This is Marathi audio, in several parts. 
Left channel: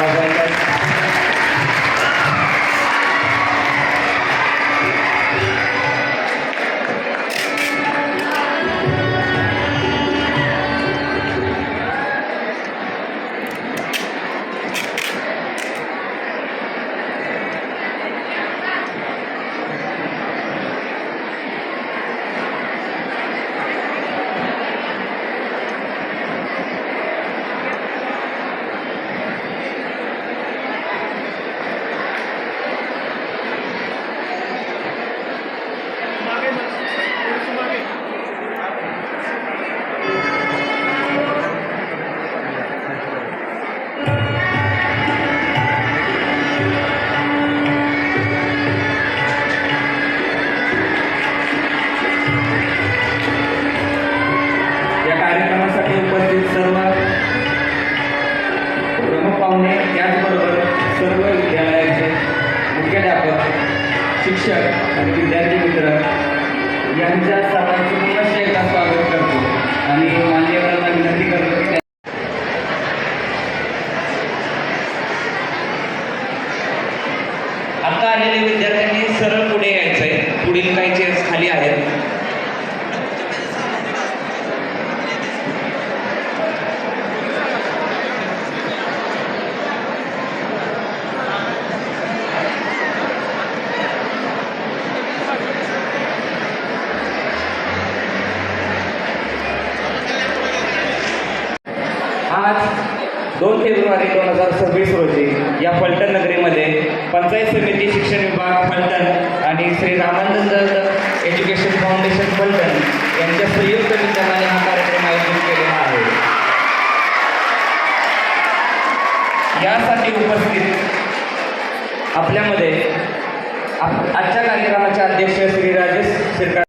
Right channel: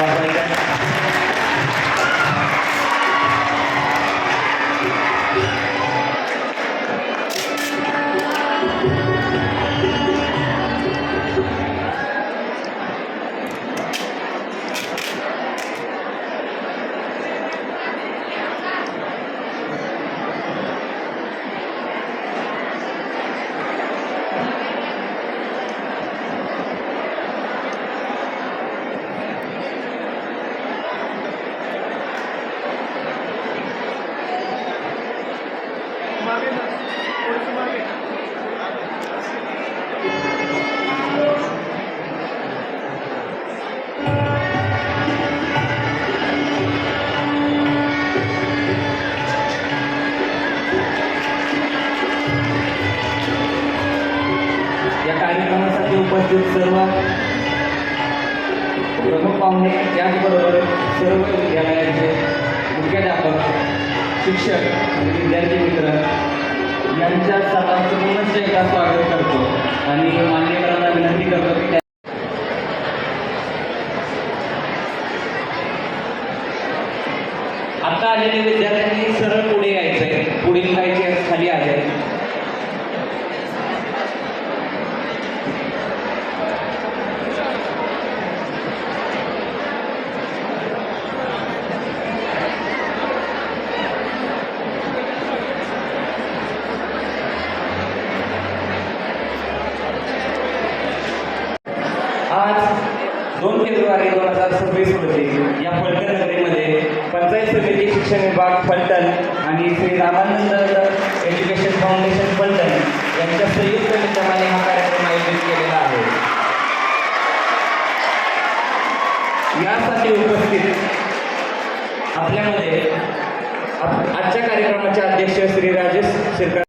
वाजवायचा. शिक्षक आणि विद्यार्थी मित्र यांच्या सर्वांचं पुनश्च एकदा स्वागत करतो आणि मान्यवरांना विनंती करतो की आता आलेल्या विद्यार्थ्यांनी सरळ पुढे यायचंय. पुढील काही चेअर्स खाली आहेत. आज 2 फेब्रुवारी 2026 रोजी या फलटण नगरीमध्ये पंचायत समिती शिक्षण विभाग फलटण आणि श्री रामानंद एज्युकेशन फाउंडेशन फलटण यांच्या संयुक्त विद्यमाने हा कार्यक्रम आयोजित केलेला आहे. यासाठी उपस्थित आपल्यामध्ये आजच्या कार्यक्रमाचे अध्यक्ष श्री राजेश शिरकर,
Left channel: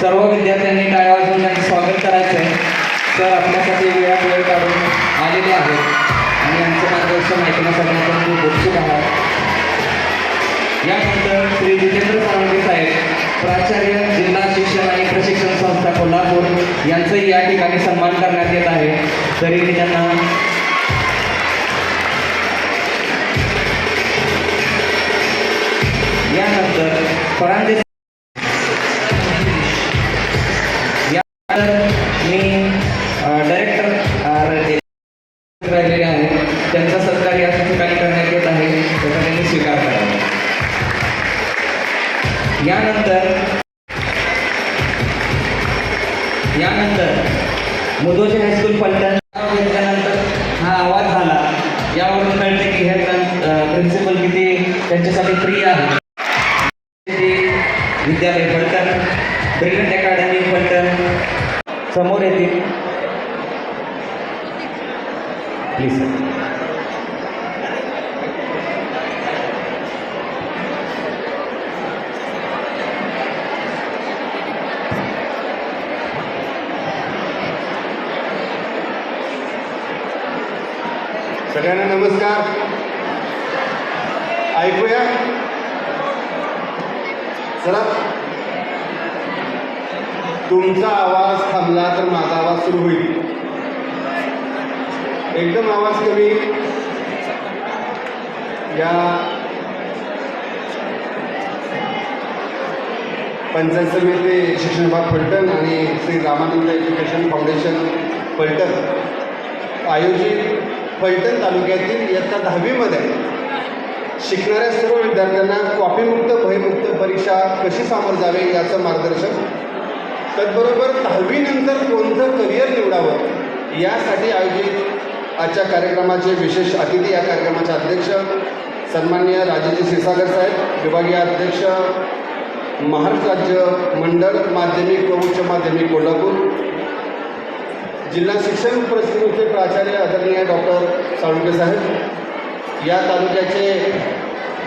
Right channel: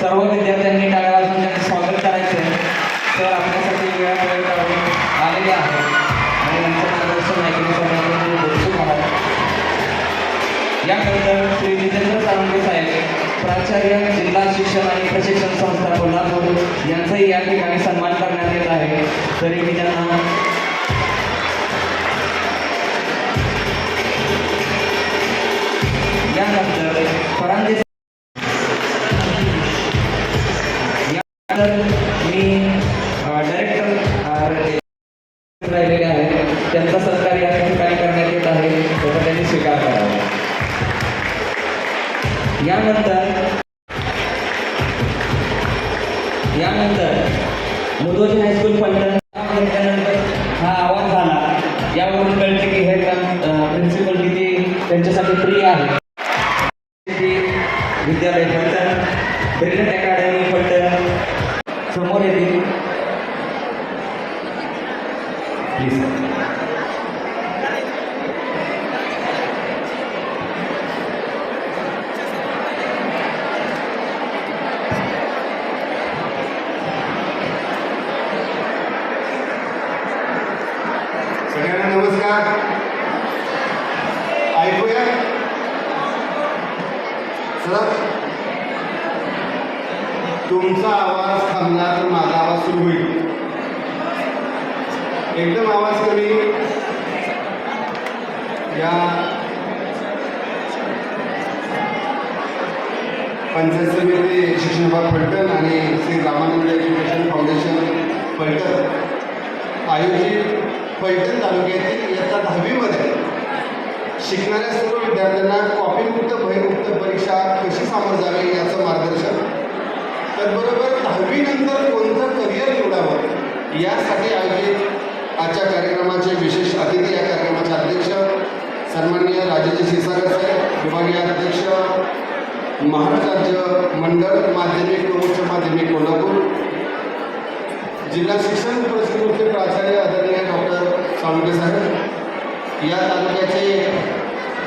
सर्व विद्यार्थ्यांनी टाळ्या वाजवून त्यांचं स्वागत करायचं आहे. तर आपल्यासाठी वेळ काढून आलेले आहेत आणि यांचे मार्गदर्शन ऐकण्यासाठी आपण खूप उत्सुक आहात. यानंतर श्री जितेंद्र सावंगे साहेब, प्राचार्य, जिल्हा शिक्षण आणि प्रशिक्षण संस्था कोल्हापूर यांचाही या ठिकाणी सन्मान करण्यात येत आहे. तरी मी त्यांना यानंतर परांदे राहिलेले आहेत त्यांचा सत्कार या ठिकाणी करण्यात येत आहे. तो त्यांनी स्वीकार करावा. यानंतर मुदोजी हायस्कूल फलटण घेतल्यानंतर हा आवाज झाला. यावरून कळते की हे प्रिन्सिपल किती त्यांच्यासाठी प्रिय आहे. विद्यालय फलटण, ब्रिलियंट अकॅडमी फलटण समोर येतील प्लीज. सगळ्यांना नमस्कार. ऐकूया चला. तुमचा आवाज थांबला तर माझा आवाज सुरू होईल. एकदम आवाज कमी. या पंचायत समिती शिक्षण विभाग फलटण आणि श्री रामानंद एज्युकेशन फाउंडेशन फलटण आयोजित फलटण तालुक्यातील इयत्ता 10वीमध्ये शिकणाऱ्या सर्व विद्यार्थ्यांना कॉपीमुक्त भयमुक्त परीक्षा कशी सामोरं जावे याचं मार्गदर्शन, त्याचबरोबर 10वी नंतर कोणतं करिअर निवडावं यासाठी आयोजित आजच्या कार्यक्रमाचे विशेष अतिथी, या कार्यक्रमाचे अध्यक्ष सन्माननीय राजेश क्षीरसागर साहेब, विभागीय अध्यक्ष महाराष्ट्र राज्य मंडळ माध्यमिक व उच्च माध्यमिक कोल्हापूर, जिल्हा शिक्षण पुरस्कृतचे प्राचार्य आदरणीय डॉक्टर सावंगे साहेब, या तालुक्याचे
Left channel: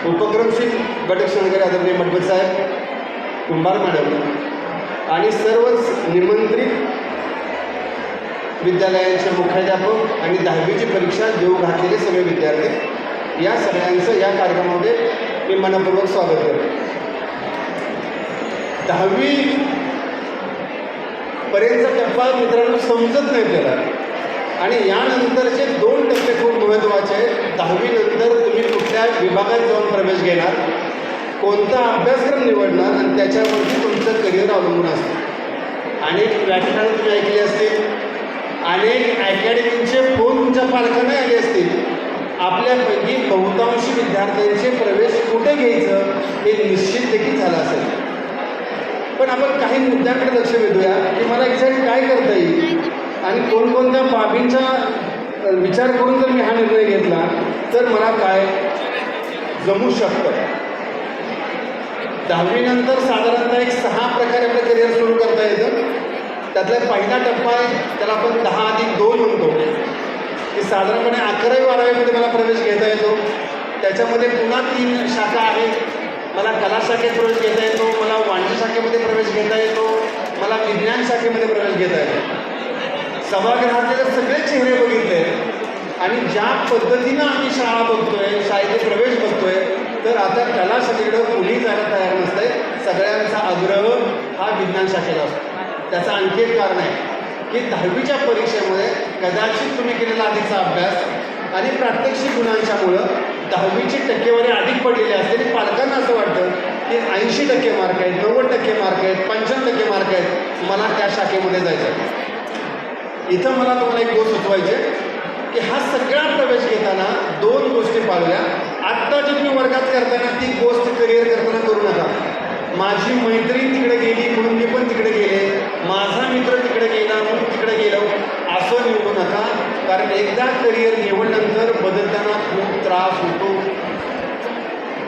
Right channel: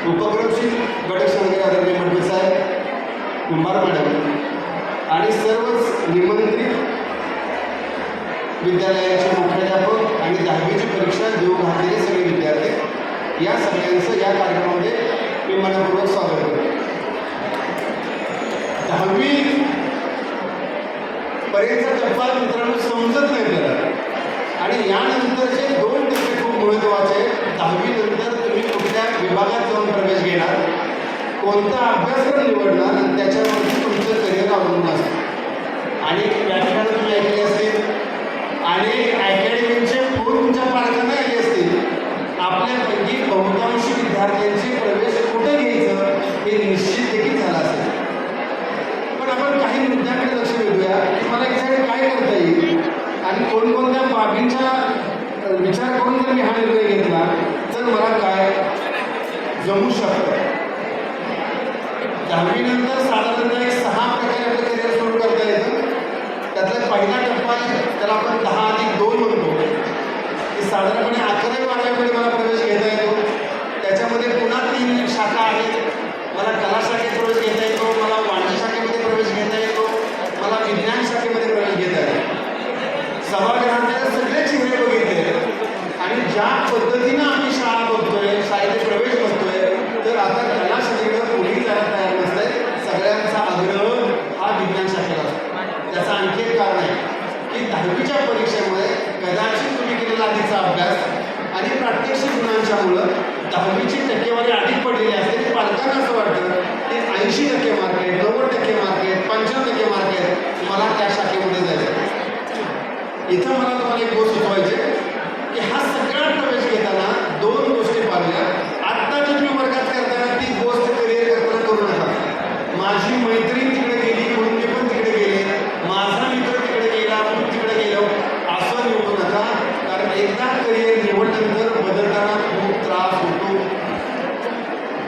उपक्रमशील गटक्षणाधिकारी आदरणीय मडके साहेब, कुंभार मॅडम आणि सर्वच निमंत्रित विद्यालयाचे मुख्याध्यापक आणि 10वीची परीक्षा देऊ घातलेले सगळे विद्यार्थी, या सगळ्यांचं या कार्यक्रमामध्ये मी मनपूर्वक स्वागत करतो. 10वी पर्यंतचा टप्पा मित्रांनो समजत नाही त्याला कोणकोणत्या बाबींचा विचार करून जर मी हा निर्णय घेतला तर मला काय जमू शकतं. 10वी नंतर साधारणतः एक 6 प्रकारे आपलं करिअर सुरू करता येतं. त्यातला पहिला टप्पा आहे, त्याला आपण 10+2 म्हणतो, की साधारणपणे 11वी-12वीमध्ये मला प्रवेश घेता येतो. त्याच्यामध्ये पुन्हा 3 शाखा आहेत. मला कला शाखेत प्रवेश घेता येतो, मला वाणिज्य शाखेमध्ये प्रवेश घेता येतो, मला विज्ञान शाखेमध्ये प्रवेश घेता येतो. सभागृहातले सगळे चेहरे बघितले आणि ज्या पद्धतीनं आम्ही शाळा बघतोय, शाळेचे प्रवेश बघतोय, तर आता कला शाखेकडे कोणी जायला तयार नसतंय. सगळ्यांचा आग्रह हा विज्ञान शाखेला असतो. त्याचं आणखी एक कारण आहे की 10वीच्या परीक्षेमध्ये कदाचित तुम्ही केलेला आधीचा अभ्यास आणि प्रात्यक्षिक गुणांच्यामुळं 10वीची टक्केवारी अधिक पडलेली असते आणि पालकांना असं वाटतं की 80% मार्क आहेत, 90% मार्क आहेत, 95% मार्क आहेत, मला त्या शाखेमध्ये जायचं आहे. इथं मला तुम्हाला एक गोष्ट सुचवायची की हा सगळा प्रवेश घेताना 2 गोष्टी पाहिल्या. आत्ता जो तुम्ही वर्गात करताना ती गोष्ट करिअर करताना करू नका. माझी मैत्रीण तिकडे गेली म्हणून मी पण तिकडे गेले, माझा मित्र तिकडे गेला म्हणून तिकडे गेलो, असं निवडू नका. कारण एकदा करिअर निवडल्यानंतर बदलताना खूप त्रास होतो.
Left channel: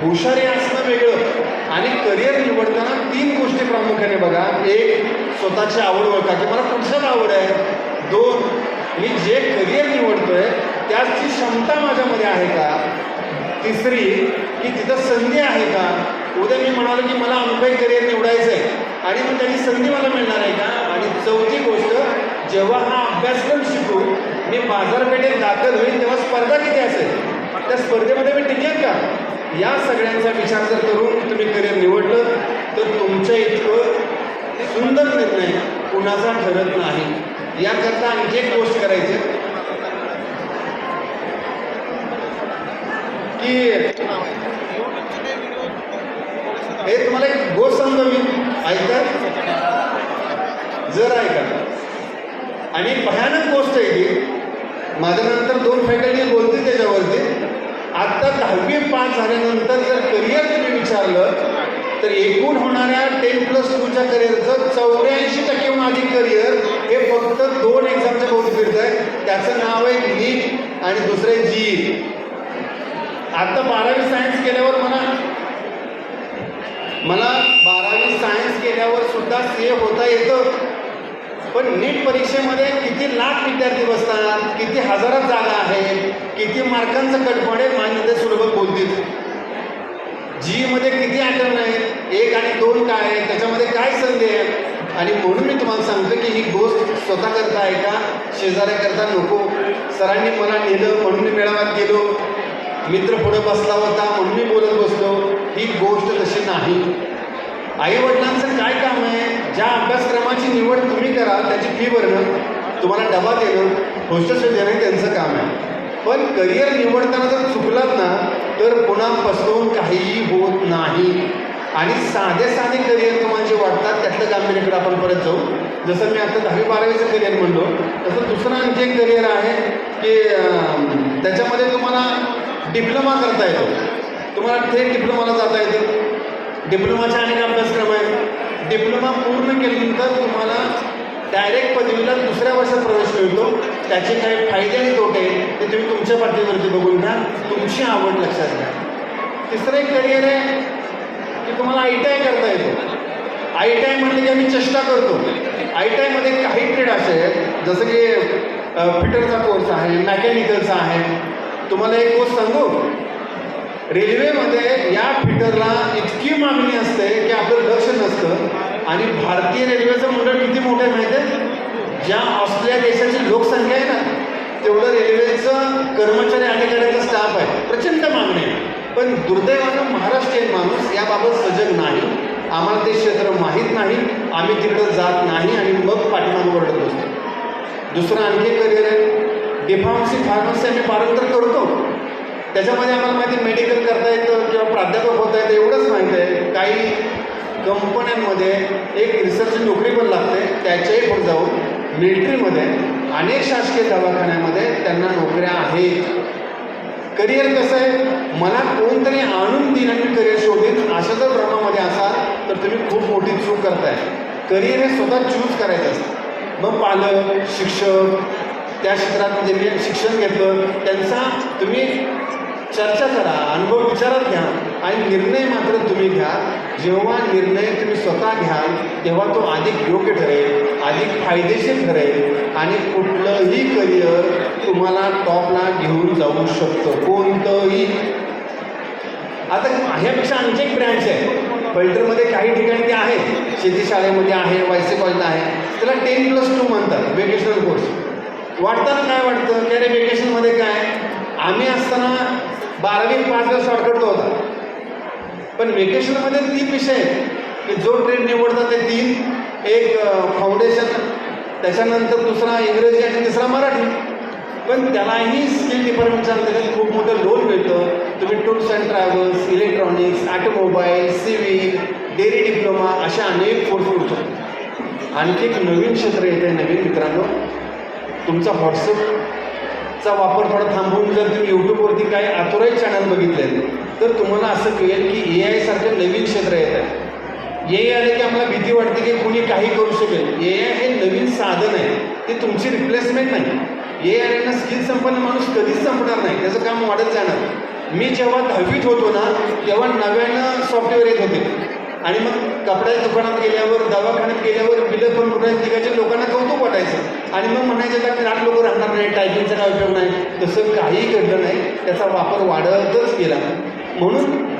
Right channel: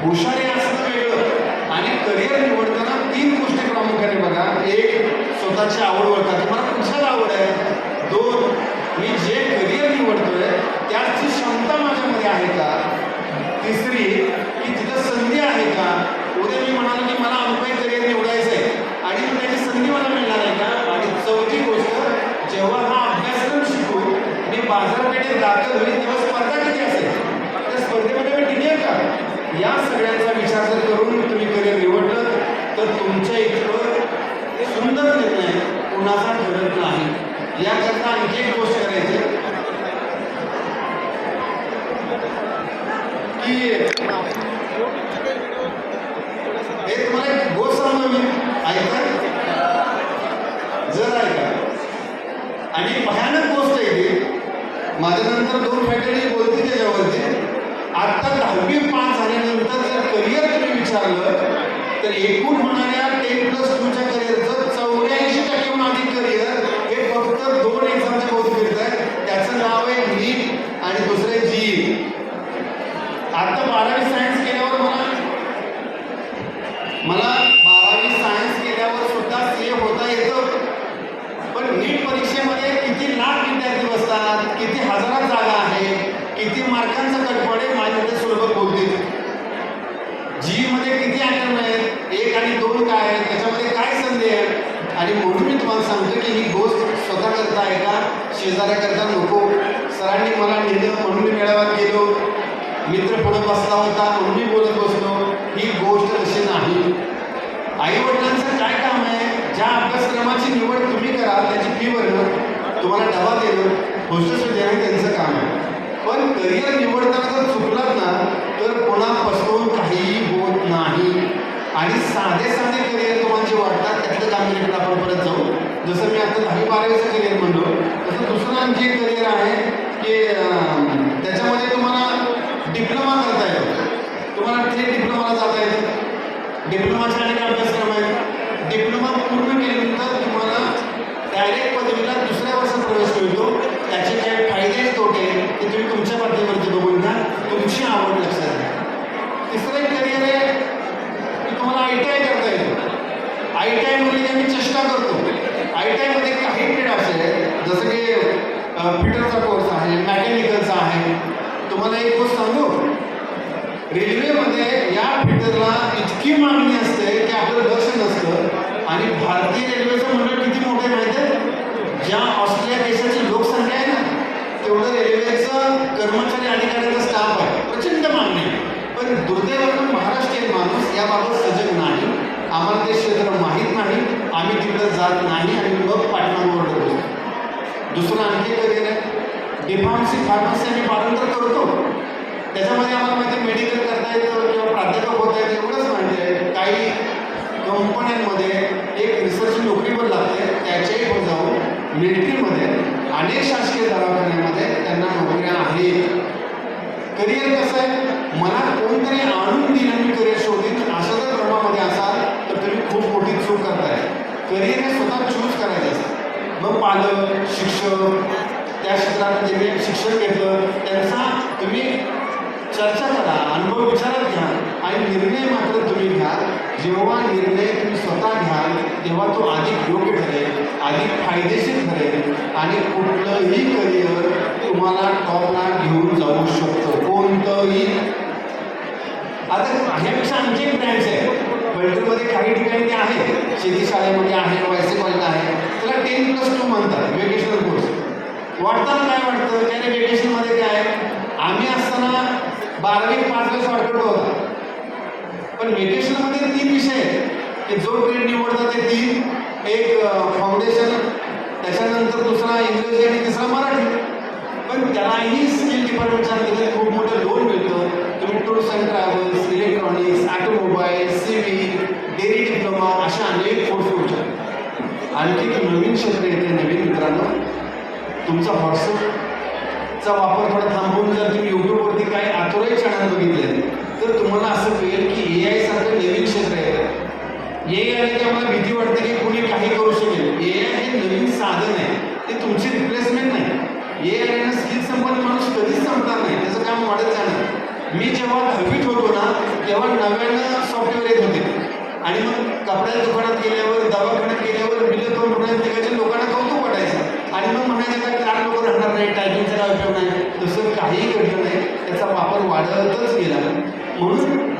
हुशारी असणं वेगळं आणि करिअर निवडताना 3 गोष्टी प्रामुख्याने बघा. 1, स्वतःची आवड ओळखा की मला कुठल्याच आवड आहे. 2, मी जे करिअर निवडतोय त्याची क्षमता माझ्यामध्ये आहे का. 3री, की तिथं संधी आहे का. उद्या मी म्हणालो की मला अनुभवी करिअर निवडायचं आहे आणि मग त्याची संधी मला मिळणार आहे का. आणि 4थी गोष्ट, जेव्हा हा अभ्यासक्रम शिकू मी बाजारपेठेत दाखल होईल तेव्हा स्पर्धा किती असेल, त्या स्पर्धेमध्ये मी टिकेल का. या सगळ्यांचा विचार जर करून तुम्ही करिअर निवडलं तर तुमच्या इतकं सुंदर निर्णय कुणाचा ठरत नाही. याकरता आणखी एक गोष्ट करायची की हे तुम्हाला एक गोष्ट सांगतो मी, ऐका जर ऐका. आणि भयानक गोष्ट आहे की माझ्यानंतर 2 फॅकल्टी बोलते त्याच्यावरती. आता 10वी पास झाल्यानंतर जर करिअर तुम्ही विचारलं तर एकूण होणाऱ्या 10+2च्या करिअरचं 84% अधिक करिअर हे फक्त 2 एक्झामच्या भोवती फिरत आहे. त्याचं नाव आहे नीट आणि दुसरे जी. आता 12वी सायन्स केल्यावर मला 12वी सायन्स केल्यावर सुद्धा CA होता येतं. पण नीट परीक्षेमध्ये किती लाख विद्यार्थी बसतात, किती हजारात जागा आहेत, किती मार्कांचं कटपडे माझ्या सुलभ बोलतील. जीमध्ये किती आयटम आहेत, 1 आणि 2 काय आहे, त्याच्यामध्ये काय संधी आहे. आणि म्हणून मी तुम्हाला सांगतो की ही गोष्ट स्वतः करता आहे का शेजाऱ्याकरता नको. सरांनी मला नेलं म्हणून मी मेळाव्यात गेलो, मित्र पुढे बसला होता म्हणून मी बोलत बसलो. ही गोष्ट तशी नाही. आई वडिलांचं काय काम आहे, ज्या अभ्यासक्रमाची निवड तुम्ही करा त्याची फी भरणं, तुम्हाला डबा देणं, हॉस्टेल देणं त्यांचं काम आहे. पण करिअर निवडताना जर चुकलात ना तर पुन्हा पसरवून काहीही होत नाही. आणि साधे करिअर तुम्हाला जे वाटतात त्यातलं कामगिरीकडे आपण परत जाऊ. जसं मी आता 10वी-12वीचं करिअर म्हणतो तसं दुसरं आणखी एक करिअर आहे की त्याच्यामध्ये तुम्हाला डिप्लोमा करता येतो. तुम्हाला थेट डिप्लोमाला जाता येतं. डिप्लोमाचे अनेक अभ्यासक्रम आहेत. डिप्लोमा पूर्ण केल्यानंतर तुम्हाला डायरेक्ट पदवीला 2ऱ्या वर्षात प्रवेश मिळतो. त्याचे काही फायदे आणि तोटे ते तुम्ही तुमच्या पद्धतीवरती बघून घ्या, तुमची आवड लक्षात घ्या. 3रं एक करिअर आहे की तुम्हाला ITI करता येतो. ITI म्हणजे की आम्ही चेष्टा करतो. ITI मध्ये काही ट्रेड असे जसं की फिटरचा कोर्स आहे, मेकॅनिकलचा आहे. तुम्हाला एक गोष्ट सांगू, रेल्वेमध्ये या फिटरला इतकी मागणी असते की आपलं लक्ष नसतं. आणि भारतीय रेल्वेचं मंडळ किती मोठं आहे माहिती आहे. ज्या ऑस्ट्रेलिया देशाची लोकसंख्या आहे ना तेवढं रेल्वेचं कर्मचारी अधिकाऱ्यांचा स्टाफ आहे. प्रचंड मागणी. पण दुर्दैवानं महाराष्ट्रीयन माणूस याबाबत सजग नाही. आम्हाला ते क्षेत्र माहीत नाही, आम्ही तिथं जात नाही आणि मग पाठीमागे ओरडत बसतो. दुसरं आणखी करिअर आहे डिफार्मसी. आम्ही पारंतर करतो. त्याच्यामध्ये आम्हाला माहिती मेडिकल करता येतं किंवा प्राध्यापक होता येतं एवढंच माहिती आहे. काही कंपन्यांमध्ये एक रिसर्च नोकरी पण लागते, त्याच्याही पुढे जाऊन मिलिटरीमध्ये अनेक शासकीय दवाखान्यामध्ये त्यांना नोकऱ्या आहेत. करिअर कसं आहे, मला कोणतरी आणून दिलं आणि करिअर शोधीन असं जर भ्रमामध्ये असाल तर तुम्ही खूप मोठी चूक करताय. करिअर हे स्वतः चूज करायचं असतं. मग पालक, शिक्षक त्यांनी शिक्षण घेतलं त्यांचा तुम्ही चर्चा करा, अनुभव विचारात घ्या आणि निर्णय मात्र तुम्ही घ्या. जेव्हा निर्णय तुम्ही स्वतः घ्याल तेव्हा तो अधिक योग्य ठरेल, अधिक फायदेशीर ठरेल आणि कुठलंही करिअर तुम्हाला टॉपला घेऊन जाऊ शकतो, कोणतंही. आता ह्यापेक्षा आणखी एक ब्रँच आहे फलटणमध्ये, काही ठिकाणी ते आहे, शेती शाळेमध्ये आहे, वायसी कॉलेजला आहे, त्याला 10+2 म्हणतात वेकेशनल कोर्स. वाटताना काय वाटतं की अरे वेकेशनमध्ये काय, आम्ही असताना 12वी 5ला शॉर्टकट होता, पण वेकेशनमध्ये 3 विषय आहेत की जो ट्रेड निवडतात ते 3, एक फाउंडेशन, त्याच्यानंतर दुसरा इंग्रजी आणि तिसरा मराठी. पण त्यालाही स्किल डिपार्टमेंटच्या अंतर्गत खूप मोठं लोन मिळतं. तुम्ही tours and travels, electronics, automobile, civil, dairy diploma अशा अनेक कोर्स करू शकतो. आणखी एक नवीन क्षेत्र येत आहे नवीन मित्रांनो, तुमचा व्हॉट्सअपचा वापर थोडा थांबवून जर तुम्ही यूट्यूबवरती काय आतुराई चॅनल बघितले तर तुम्हाला असं कळेल की AI सारखं नवीन क्षेत्र येत आहे. AI आले की आम्हाला भीती वाटते की कुणी काही करू शकेल. AI हे नवीन साधन आहे, ते तुमची रिप्लेसमेंट नाही. AI आल्यानं स्किल संपन्न माणूस कधीच संपणार नाही, त्याचं काम वाढत जाणार. मी जेव्हा 10वीत होतो ना तेव्हा नव्यानं सॉफ्टवेअर येत होते आणि मग कपड्याच्या दुकानात गेल्यावर, दवाखान्यात गेल्यावर बिलं पण कुठे तिकडच्या लोकांना कौतुक वाटायचं आणि मग म्हणायचं का ग्राहक लोक राहणार नाही, टायपिंगचा काय उपयोग नाही. तसं काहीही घडलं नाही, त्याचा वापर वाढतच गेला. म्हणून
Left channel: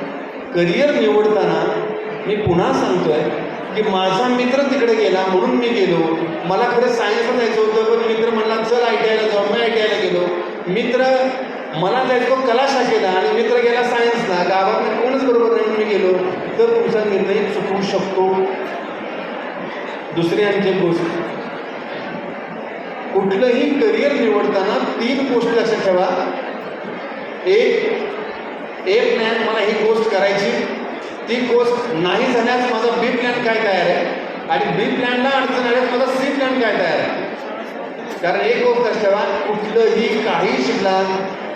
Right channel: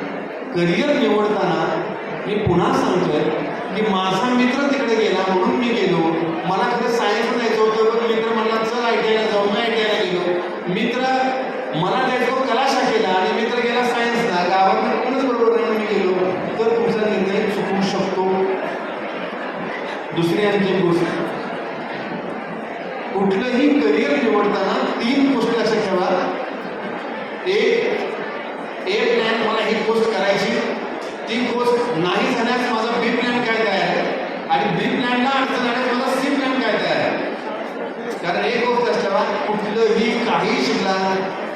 करिअर निवडताना मी पुन्हा सांगतोय की माझा मित्र तिकडे गेला म्हणून मी गेलो. मला खरं सायन्स जायचं होतं, पण मित्र मला चल ITIला जाऊ, मी ITIला गेलो. मित्र मला जायचं कला शाखेला आणि मित्र गेला सायन्सला, गावात कोणच बरोबर नाही मी गेलो, तर तुमचा निर्णय चुकवू शकतो. दुसरी आणखी गोष्ट, कुठलंही करिअर निवडताना 3 गोष्टी लक्षात ठेवा. एक प्लॅन, मला ही गोष्ट करायची, ती गोष्ट नाही झाल्यास माझा B प्लॅन काय तयार आहे आणि B प्लॅनला अडचण आल्यास माझा C प्लॅन काय तयार आहे. कारण एक गोष्ट लक्षात ठेवा, कुठलंही काही शिकला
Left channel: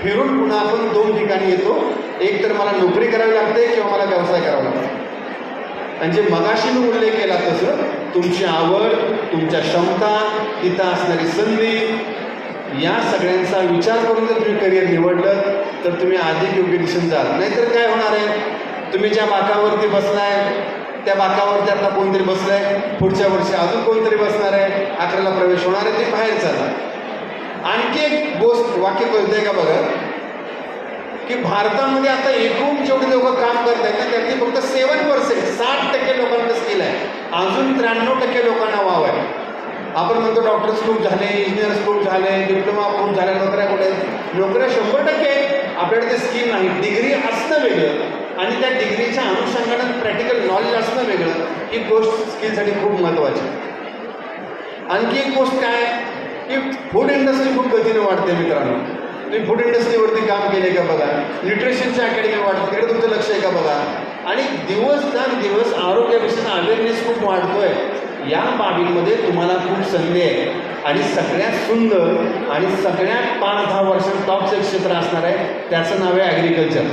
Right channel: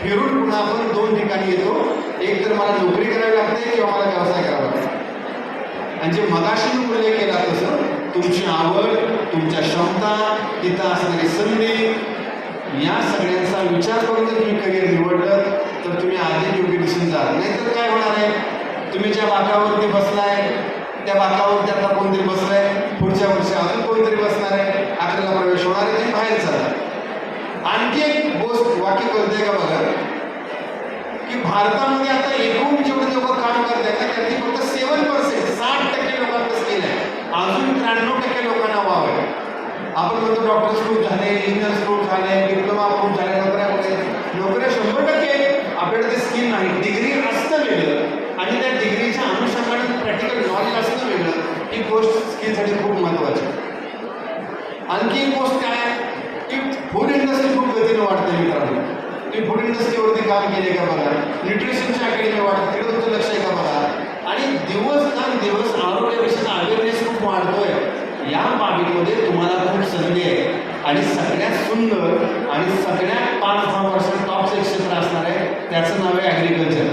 फिरून पुन्हा आपण 2 ठिकाणी येतो. एक तर मला नोकरी करावी लागते किंवा मला व्यवसाय करावा लागतो. आणि जे मगाशी मी उल्लेख केला तसं तुमची आवड, तुमच्या क्षमता, तिथं असणारी संधी, या सगळ्यांचा विचार करून जर तुम्ही करिअर निवडलं तर तुम्ही अधिक योग्य दिशेने जाल. नाहीतर काय होणार आहे, तुम्ही ज्या वाकावरती बसलाय त्या वाकावरती आता कोणतरी बसलाय, पुढच्या वर्षी अजून कोणतरी बसणार आहे, 11ला प्रवेश होणार आहे, ते बाहेर चालला. आणखी एक गोष्ट वाक्य कळतंय का बघा की भारतामध्ये आता एकूण जेवढे लोक काम करत आहेत त्यातली फक्त 7%, 60% लोकांना स्किल आहे, अजून 93% लोकांना वाव आहे. आपण म्हणतो डॉक्टर स्कूल झाले, इंजिनियर स्कूल झाले, डिप्लोमा स्कूल झाले, नोकऱ्या 100%, आपल्याकडे ते स्किल नाही. डिग्री असणं वेगळं आणि त्या डिग्रीच्या अनुषंगाने प्रॅक्टिकल नॉलेज असणं वेगळं, ही गोष्ट स्किलसाठी खूप महत्त्वाची. आणखी एक गोष्ट काय की फूड इंडस्ट्री खूप गतीने वाढते मित्रांनो. तुम्ही फूड इंडस्ट्रीवरती काम केले का बघा, न्यूट्रिशनची अकॅडमी वाढते, तिकडे तुमचं लक्ष आहे का बघा. आणि दिवस आरोग्याविषयीचा अवेअरनेस खूप वाढतोय. या बाबीमध्ये तुम्हाला खूप संधी आहे आणि सगळ्यात सुंदर आणि सगळ्यात 5-10 वर्षात टॉपचं क्षेत्र असणार आहे, त्याचं नाव आहे ॲग्रिकल्चर.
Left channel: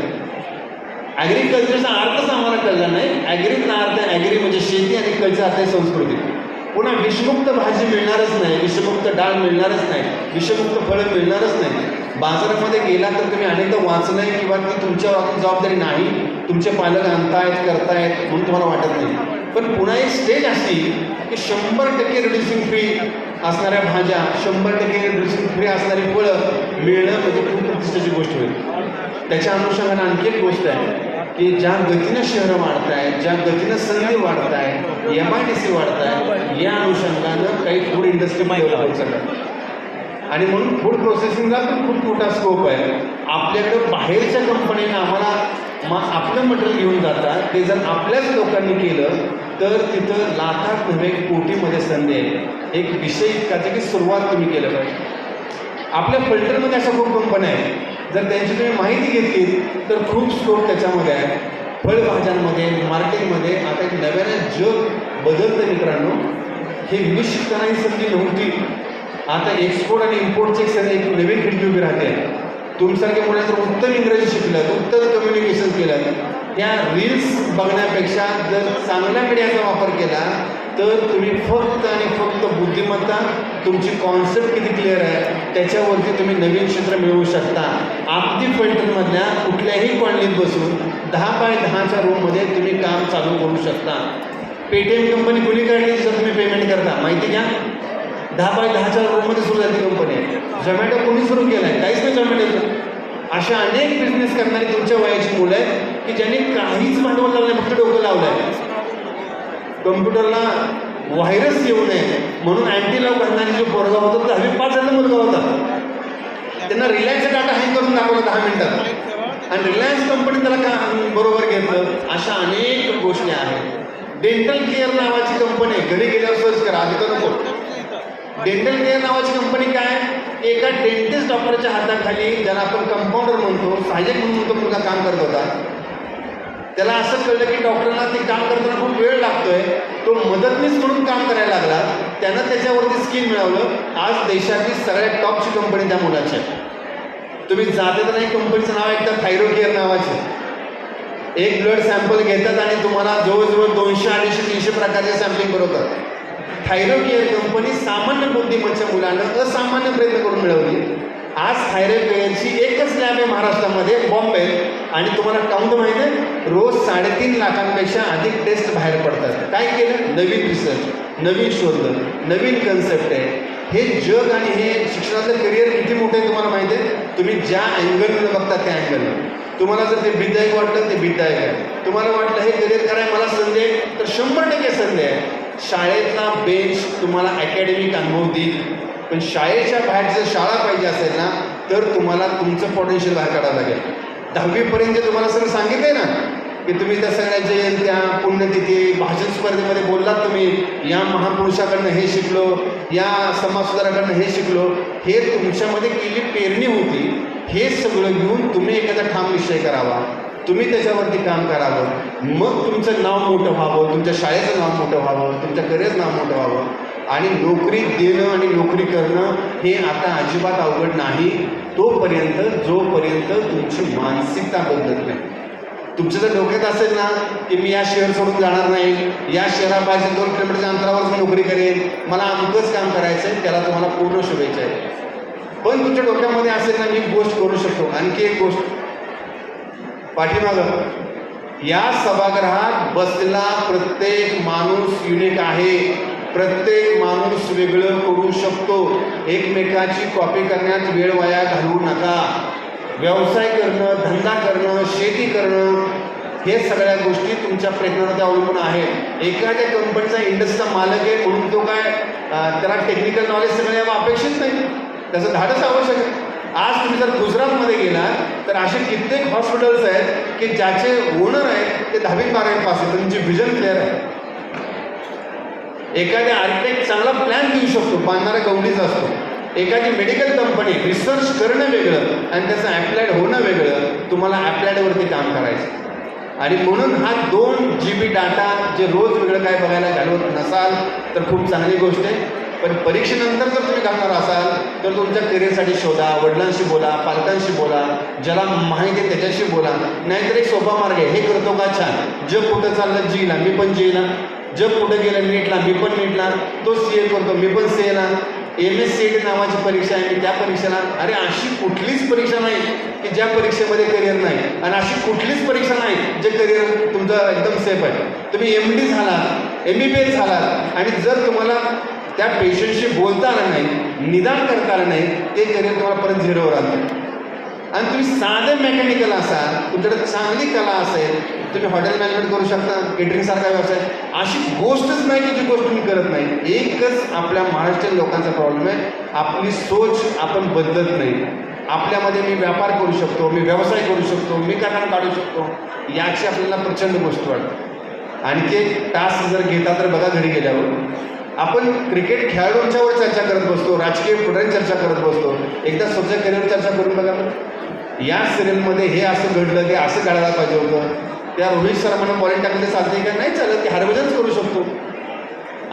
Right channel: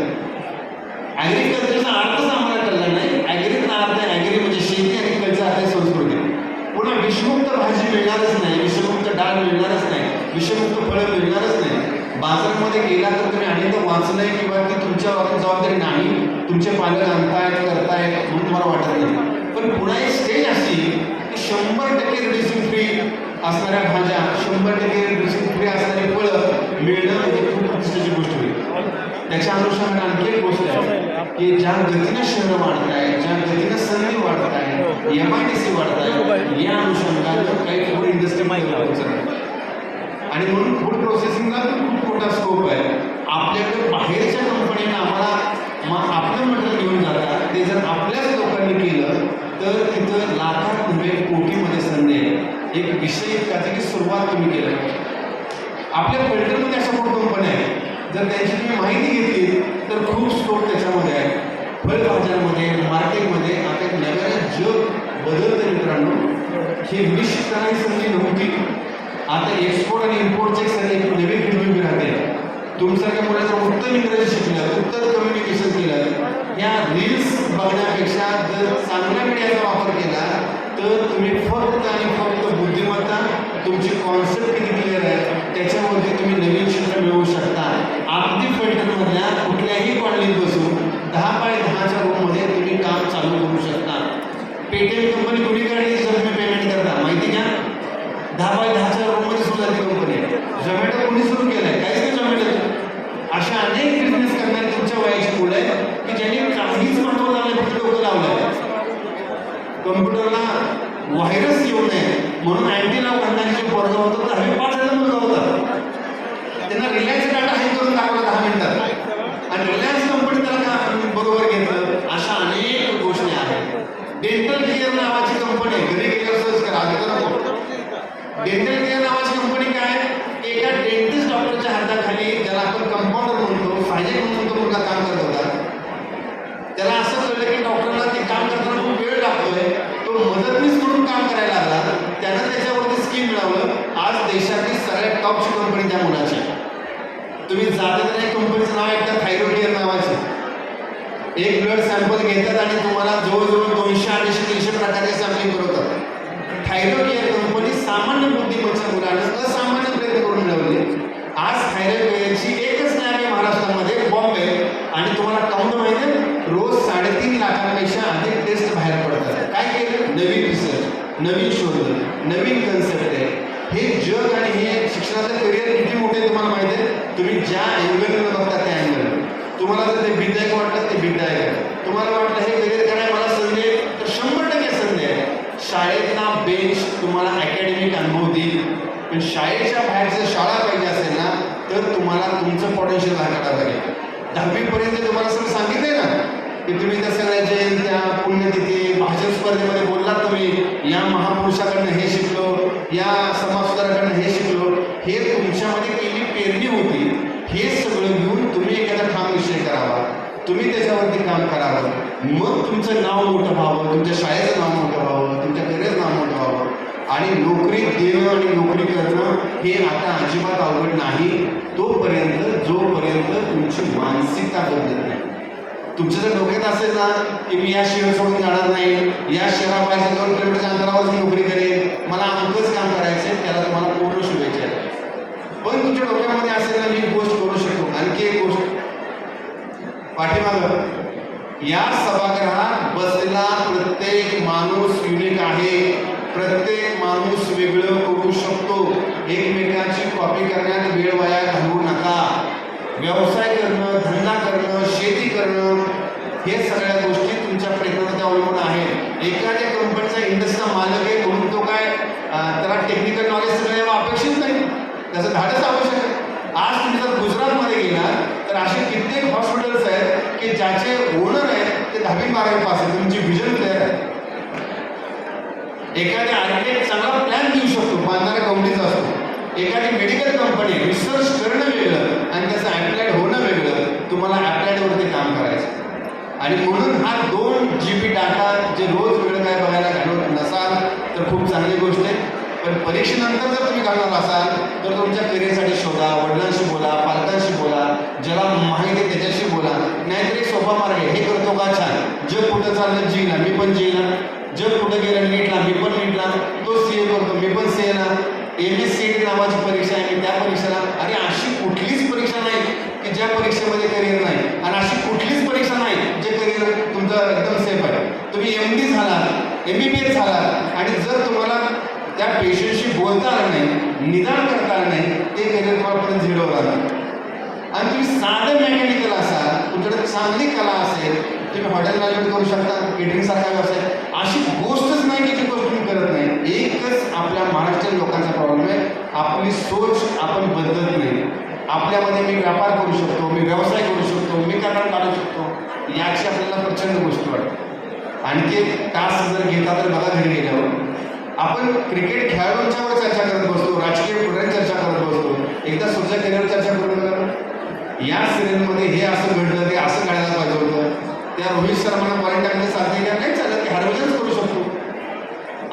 ॲग्रिकल्चरचा अर्थच आम्हाला कळला नाही. ॲग्रीचा अर्थ आहे, ॲग्री म्हणजे शेती आणि कल्चर अर्थ आहे संस्कृती. पुन्हा विषमुक्त भाजी मिळणारच नाही, विषमुक्त डाळ मिळणारच नाही, विषमुक्त फळं मिळणारच नाही. बाजारामध्ये गेला तर तुम्ही अनेकदा वाचलंय किंवा ती तुमच्यावर जबाबदारी नाही, तुमचे पालक आणतायत करतायत म्हणून तुम्हाला वाटत नाही. पण पुन्हा एक स्टेज अशी की 100% रिड्युसिंग फ्री असणाऱ्या भाज्या, 100% रिड्युसिंग फ्री असणारी फळं मिळणं म्हणजे खूप प्रतिष्ठेची गोष्ट होईल. त्याच्या अनुषंगाने आणखी एक गोष्ट आहे की ज्या गतीनं शहरं वाढत आहेत, ज्या गतीनं संधी वाढत आहे, MIDC वाढत आहे, या अनुषंगानं काही फूड इंडस्ट्री डेव्हलप होत आणि म्हणून फूड प्रोसेसिंगला पण खूप मोठा स्कोप आहे. आपल्याकडं बाहेरच्या कंपनीने आम्हाला आपलं मटेरियल घेऊन जातात, ते जर आपल्याच लोकांनी केलं तर तिथं लाखात नव्हे कोटीमध्ये संधी आहे. एक विषय इतकाच की सुरुवात तुम्ही केलं. आपल्या फलटणमध्ये अशा खूप कंपन्या आहेत, जर त्यांची तुम्ही माहिती घेतली तर खूप स्कोप त्याच्यामध्ये आहे. फळभाज्यांमध्ये, मार्केटमध्ये आता एक नव्यानं जग बदलतं मित्रांनो. हे विशिष्ट संधी नव्हती. आता एक्सपोर्ट आणि इम्पोर्टचे एक नवीन खिडकी उभी राहते. तुमच्यासारख्या मुलाचं उत्तम इंग्रजी शिकलं, उत्तम कम्युनिकेशन केलं, या रील्स बघण्यापेक्षा जर चांगल्याकडे याचा वापर केला तर तुम्ही फक्त आणि फक्त बुद्धिमत्ता, तुमची कॉन्सेप्ट किती क्लिअर आहे त्याच्यावरती तुम्ही नवीन क्षेत्र मिळवू शकता. आमती फलटणमधल्या कुठल्याही कॉलनीत बसून 10 बाय 10च्या रूममध्ये तुम्ही काम चालू करू शकता. पेटीएम कंपनी कुणी काढली जर तुम्ही पेमेंट करता माहिती घ्या. 10 बाय 10च्या रूममध्ये सुरू झाली कंपनी. झोमॅटो कोणी सुरू केलाय? काहीच नाही झोमॅटोचं. अशा अनेक बिझनेस करणारी तुमच्या वयाची मुलं आहेत की ज्यांनी काहीच मंडळ लावलं फक्त डोकं लावलंय. कम्प्युटरला व्हायरस येऊ नये म्हणून अँटीला बांधणारी जे पोरगा होता 10वी पास झाला मुलगा होता. त्यांना रिलायन्सचा डाटा हँग करून दाखवला 10 मिनिटात आणि रिलायन्स कंपनी त्याला बरोबर घेतलं. अशा अनेक गोष्टी आहेत. डेंटल केअर नावाची कंपनी घरी गेल्यावर सर्च करा. आधी तर नको. डेंटल केअर नावाची कंपनी काय? एका डेंटिस्ट डॉक्टरच्या हाताखाली ज्याला आपण कंपाऊंडर म्हणतो, सहाय्यक म्हणून म्हणतो, मुलगा काम करत होता. त्याला असं कळलं की डॉक्टरला ते काम करताना खूप वेळ लागतोय. तो मदतनीस म्हणून काम करायला लागला. त्यानं त्याच्यावरती स्किल मिळवलं. आज देशातली सगळ्यात टॉपची कंपनी त्या मुलाची आहे. तुम्ही जाते तर एक कंपनीचं नाव ऐकता थायरो केअर नावाचे. एक ब्लड सॅम्पल घेतात आणि तुम्हाला जवळजवळ 200, 250, 300 प्रकारचे सॅम्पलिंग करवतात. थायरो केअर कंपनी सामान्य बुद्धिमत्तेच्या मुलांना असामान्य प्रयत्न करून मिळवली. आज थायरो केअरची एकच लॅब आहे महाराष्ट्रामध्ये, बॉम्बे, आणि तुम्हाला काउंट माहिती आहे रोज 3.5 लाखांपेक्षा अधिक टेस्ट बाहेर पडतात. काय केलं? नवीन रिसर्च, नवीन शोध, नवीन कन्सेप्ट आहे. हे जग आणि हे शिक्षणाचं करिअर किती मोठे आहे तुम्हाला माहिती आहे. तुम्ही ज्या अँगलनं बघता त्या अँगलनं. तुम्हाला जर ते भीदायक वाटलं ते भीदायक आहे. तुम्हाला वाटलं हे करिअर करायला मला संधी आहे तर 100% संधी आहे. शाळेतला बेंच तुम्हाला अकॅडमिक अनुभव देईल, पण शाळेच्या बाहेर जर शाळा पाहिजे असेल ना तर तुम्हाला तुमचं पोटेन्शियल बाहेर काढावं लागेल. 10वी पर्यंत तुम्हाला सगळं सांगितलंय ना की तुम्ही त्या सगळ्या जयंत्या, पुण्यतिथी, भाषण स्पर्धेमध्ये बोललात तुम्ही, या महापुरुषाकडनं हे शिकलो, या समाजसुधारकाकडनं हे शिकलो. हे तुमच्यामध्ये केली पेरणी होती. हे सगळं घेऊन तुम्ही एखादा ठाम निश्चय करावा. तुम्ही त्याच्यावरती काम करावं. मग तुमचं नाव मोठं व्हावं, तुमच्या शाळेचं नाव मोठं व्हावं, तुमच्या करिअरचं नाव मोठं व्हावं. आणि नोकरी देणं आणि नोकरी करणं हे आता अजिबात अवघड नाही तोपर्यंत जोपर्यंत तुमची मानसिकता बदलत नाही. तुमचं जर डोक्यात असेल ना की मी या शहर सोडून जाणार नाही, या शहरापासून 2 किलोमीटरच्या अंतरावर नोकरी करेन, मला अमकंच काम करायचं आहे, त्याला तुम्हाला पूर्ण शुभेच्छा आहे. पण तुमच्या डोक्यामध्ये असेल ना मी गोष्ट करू शकतो. आणखी एक गोष्ट, पाठीमागं या सभागृहात बसलेला प्रत्येक माणूस युनिक आहे. प्रत्येक माणूस वेगळं करू शकतो. एकमेकाची कॉपी करण्यात वेळ वाया घालवू नका. व्यवसाय करणं, धंदा करणं, शेती करणं, हे सगळ्या गोष्टी तुमच्या प्रयत्नात अवलंबून आहेत. एखाद्या कंपनीचा इंडस्ट्रीचा मालक आहे म्हणून तो काय त्याला टेक्निकल नॉलेज सगळं यावं अपेक्षित नाही. त्याचं धाडस आवश्यक आहे. आज तुम्ही जर गुजरातमध्ये गेला तर असे कित्येक हॉस्पिटल्स आहेत की ज्याचे ओनर आहेत ते 10वी 12वी पास आहेत. तुमची विजन क्लिअर आहे. एखाद्या आर्किटेक्ट चांगला प्लॅन देऊ शकतो, बांधणारा गवंडीचा असतो. एखादी मेडिकल कंपनी रिसर्च करणं वेगळं आणि त्याचं ॲप्लाइड होणं वेगळं. तुम्हाला ॲप्लाइडवरती काम करायचं. आणि म्हणून हा 2 GB डाटा जे रोज वेळ काय बघायला घालवत नसाल तर खूप चांगली गोष्ट आहे. पण परीक्षेनंतर जर तुम्ही घालणार असाल तर तुमच्या करिअरसाठी शोधा. वडिलांशी बोला, पालकांशी बोला, ज्याला माहिती आहे त्याच्याशी बोला. नाहीतर एक सोपा मार्ग आहे, हे करतो का छान, जग कुठं चाललं जीला मी पण जीला, जग कुठं गेलं नीटला मी पण नीटला, तो CA करतो मी पण CA ना, MSCT नावाची परीक्षा आहे मी त्या परीक्षेला. अरे अशी कुठलीच परीक्षा नाही की ज्या परीक्षेमध्ये करिअर नाही, आणि अशी कुठलीच परीक्षा नाही जे करिअर तुमचं एकदम सेफ आहे. तुम्ही MD झाला, MBBS झाला आणि जर तुम्हाला त्या पेशंटशी बोलता आलं नाही, निदान करता आलं नाही, ते करिअर तुम्हाला परत झिरोवर आलं. आणि तुम्ही साधं मेकॅनिकल असाल, तुमच्याकडे चांगली कला असेल, तुम्ही हॉटेल मॅनेजमेंट करू शकता, केटरिंग सारखा व्यवसाय. अशी गोष्टच नाही की जी गोष्ट तुम्ही करत नाही. एकच आपल्या महाराष्ट्रीयन लोकांचा प्रॉब्लेम आहे, आपली सोच आपण बदलत नाही. आपल्यामध्ये मी व्यापार करू शकतो, मी व्यवसाय करू शकतो, मी करार काढू शकतो, याची आपल्याला प्रचंड गोष्ट वाटते. आणखी एक तास जर घेता तर बघा घरी गेल्यावर आपण क्रिकेट खेळाडूंच्यावर चर्चा करत बसतो, राजकीय पुढे चर्चा करत बसतो. एकदा स्वतःच्या करिअरवर चर्चा करून बघा. या सिरियलमध्ये हे असं घडलं, ते असं काढायला पाहिजे होतं, त्या रोहित शर्माला बॉलिंग टाकले साधने का नाही चालत, की हरभजनच करू शकतो.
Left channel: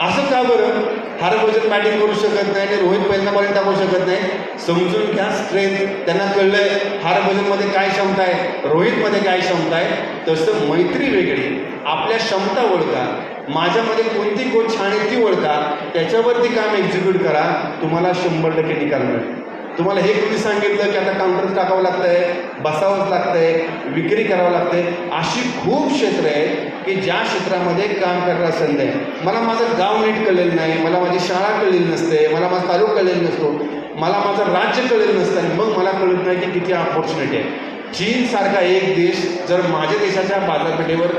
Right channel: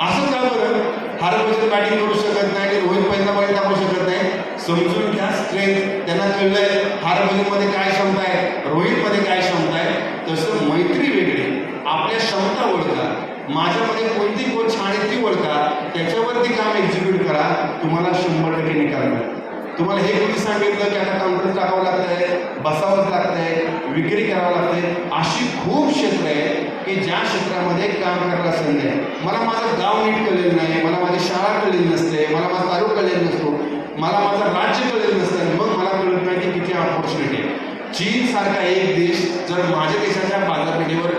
असं का बरं हरभजन बॅटिंग करू शकत नाही आणि रोहित पहिल्यांदा बॉलिंग टाकू शकत नाही? समजून घ्या स्ट्रेंथ. त्यांना कळलंय हरभजनमध्ये काय क्षमता आहे, रोहितमध्ये काय क्षमता आहे. तसं मैत्री वेगळी, आपल्या क्षमता ओळखा, माझ्यामध्ये कोणती गोष्ट छान आहे ती ओळखा, त्याच्यावरती काम एक्झिक्यूट करा, तुम्हाला 100% निकाल मिळेल. तुम्हाला हे कोणी सांगितलं की आता काउंटर टाकावं लागतंय, बसावंच लागतंय, विक्री करावं लागतंय. अशी खूप क्षेत्र आहे की ज्या क्षेत्रामध्ये काम करायला संधी आहे. मला माझं गाव नीट कळलेलं नाही, मला माझी शाळा कळलेली नसते, मला माझा तालुका कळलेला नसतो, मला माझं राज्य कळलेलं नसतं, मग मला कळत नाही की किती ऑपॉर्च्युनिटी आहे. चीन सारखा एक देश जर माझ्या देशाच्या बाजारपेठेवर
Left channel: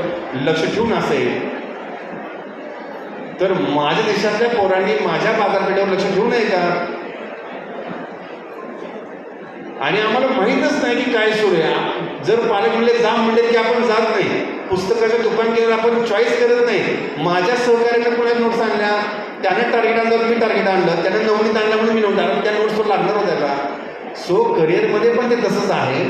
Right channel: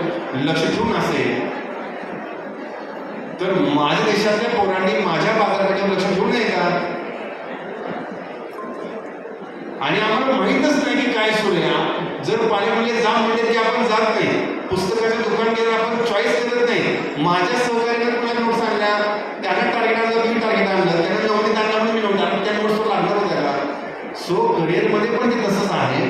लक्ष ठेवून असेल तर माझ्या देशातल्या पोरांनी माझ्या बाजारपेठेवर लक्ष ठेवू नये का? आणि आम्हाला माहीतच नाही की काय सुरू आहे. जर पालक म्हणले जा म्हणले की आपण जात नाही. पुस्तकाचं दुकान केलं आपण चॉईस करत नाही. माझ्या सहकार्याकडे कोणा नोट्स आणल्या, त्यानं टार्गेट आणलं, मी टार्गेट आणलं, त्यानं नवनीत आणला म्हणून मी नवनीत आणलं, त्या नोट्सवर लागणार होत्या का? सो करिअरमध्ये पण ते तसंच आहे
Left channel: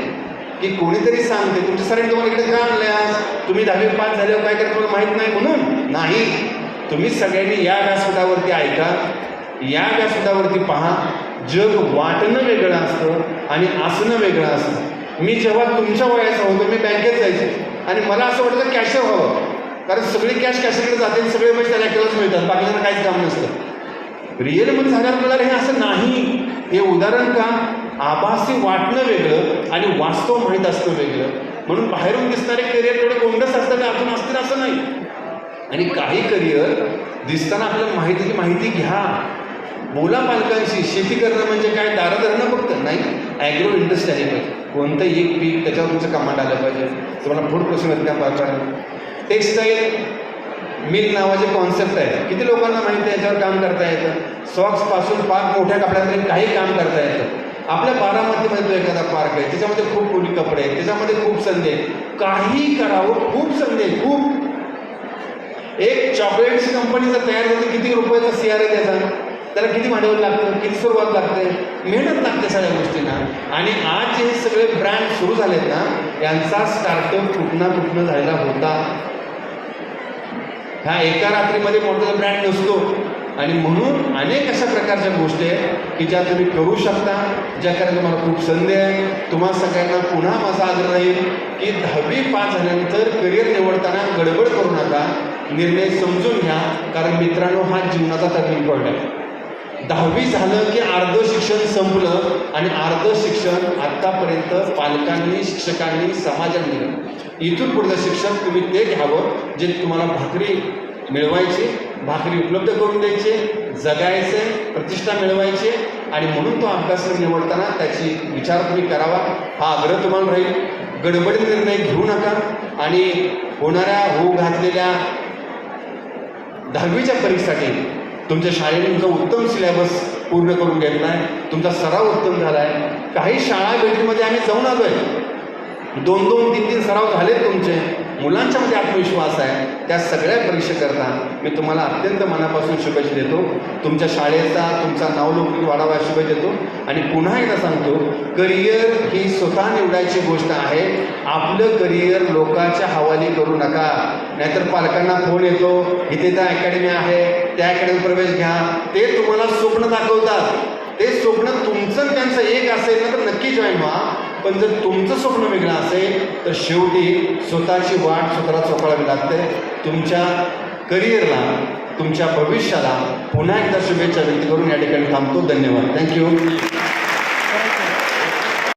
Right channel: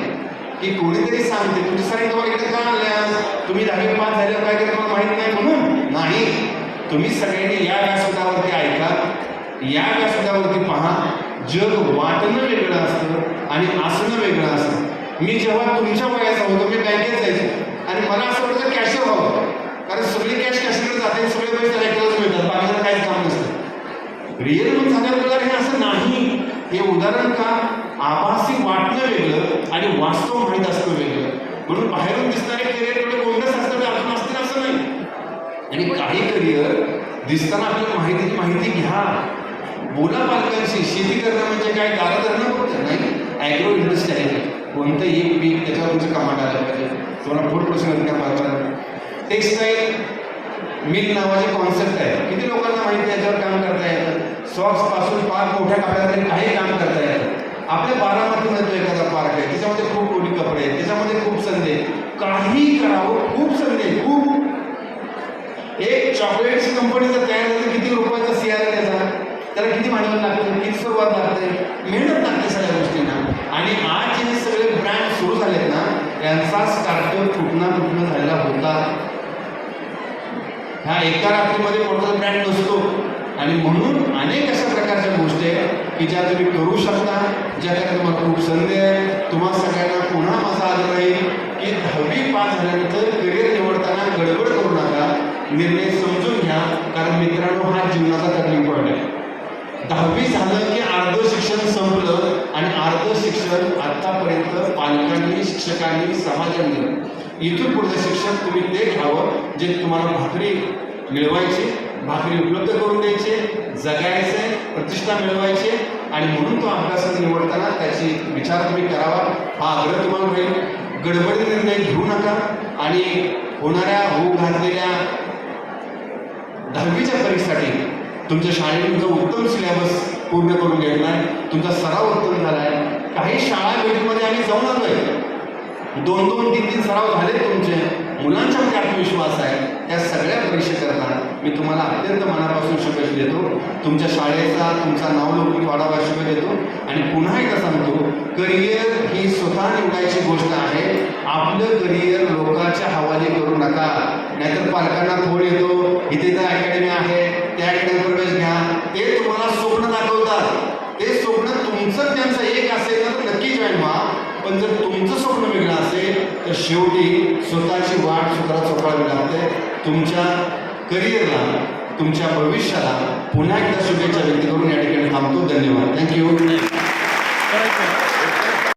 की कोणीतरी सांगते तुमच्या सरांनी तुम्हाला इकडे का आणल्या, तुम्ही 10वी पास झाल्यावर काय केलं तुम्हाला माहीत नाही म्हणून नाही. तुम्ही सगळ्यांनी या व्यासपीठावरती ऐका, या व्यासपीठावरती पहा. जग वाटणं वेगळं असतं आणि असणं वेगळं असतं. मी जेव्हा तुमच्या वयाचा होतो मी बँकेत जायचो आणि मला असं वाटतं कॅशियर व्हावं, कारण सगळी कॅश कॅशकडे जाते, सगळे पैसे त्याला एकट्यालाच मिळतात, बाकीचं काहीच काम नसतं. रिअल मध्ये झाल्यावर हे असं नाही. हे उदाहरण का? आभासी वाटणं वेगळं आणि वास्तव माहीत असतं वेगळं. म्हणून बाहेरून दिसणारे करिअर थोडे गोंडस असतात, अजून असतील असं नाही. आणि काही करिअर दिसताना आपल्याला माहिती घ्या. बोला पालकांशी. शेती करणं म्हणजे काय? दारा धरणं फक्त नाही. ॲग्रो इंडस्ट्री आहे, कोणतं एक पीक त्याच्यावर तुमचं कामात आलं पाहिजे. तुम्हाला फूड प्रोसेस काय पाहता. टेक्स्टाईल मिल नावाचे कॉन्सेप्ट आहे. किती लोकांना माहिती आहे याच्यावर काम करता येतं. सॉक्स पासून पार मोठ्या कपड्यामध्ये काही काम करता येतं. आपल्या बारामतीमध्ये तो एखादा पार्क आहे, त्याच्यामध्ये खूप कोणी कपडे आहेत, त्याच्यामध्ये खूप संधी आहे. काही करावं, खूप संधी आहे, खूप. एक चॉकलेटची कंपनी जर तयार झाली, किती रुपयाचा CR आहे त्याचा, त्याला किती भांडवल लागतं, किती सुरुवात लागते, मेहनत लागते सगळ्या गोष्टींना. आणि आज जे सगळे ब्रँड सुरू झालेत ना, यांचा स्टार्टअप कुठनं झालेला होता. ह्या एका रात्रीमध्ये मोठा ब्रँड नसतो. आणि म्हणून अनेक अशा प्रकारच्या गोष्टी आहेत की ज्या तुम्ही करू शकता, ज्या करायला तुम्हाला खूप संधी आहे. तुम्हाला सगळ्यांना पुन्हा माझा आग्रह राहील की 10वी पास झाल्यानंतर करिअर निवडताना गडबड करू नका, निर्णय समजून घ्या. कारण मित्रांनो, हा जीवनाचा टर्निंग पॉईंट आहे. 10वी झालं की अर्ध शिक्षण संपलं आणि अर्ध शिक्षण आतापर्यंत पालकांनी, शिक्षकांनी, समाजाने दिलं. इथून पुढचं शिक्षण तुम्ही ते घ्यावं जे तुम्हाला भाकरी मिळवायची, भाकरी उपलब्ध करून द्यायचे, जगायचे, प्रतिष्ठा मिळवायची. आणि म्हणून तो अभ्यासक्रम निवडताना त्याची विचार तुम्ही करावा, हा आग्रह तुम्हाला राहील. गडबडीत निर्णय घेऊ नका आणि होऊ घातलेल्या 10वीच्या परीक्षेसाठी तुमच्या शाळेने तुमचा उत्तम सिलेबस पूर्ण करून घेतला आहे, तुमचा सराव उत्तम झाला आहे. काही शाळा भेटीमध्ये आम्ही जाऊन आलो आहे, 2-2, 3-3 सराव झालेत तुमचे. मुलांच्या मध्ये आत्मविश्वास आहे. त्या सगळ्या परीक्षेकरता मी तुम्हाला अत्यंत मनापासून शुभेच्छा देतो. तुमच्या शाळेचा, तुमचा नावलौकिक वाढावा शुभेच्छा देतो. आणि पुन्हा एकदा सांगतो, करिअर ही स्वतः निवडायची गोष्ट आहे. आपलं करिअर लोकांच्या हवाली करू नका. नाहीतर पालकांना फोन येतो, इथे त्या अकॅडमी आहे, त्या अकॅडमीत प्रवेश घ्या. ते तुम्हाला स्वप्न दाखवतात. ते स्वप्न तुमचं त्यांचं एक असेल ना तर नक्की जॉईन व्हा. पण जर तुमचं स्वप्न वेगळं असेल तर शेवटी स्वतःची वाट स्वतःला चोखाळावी लागते. तुमच्या करिअरला, तुमच्या भविष्याला पुन्हा एकदा शुभेच्छा व्यक्त करून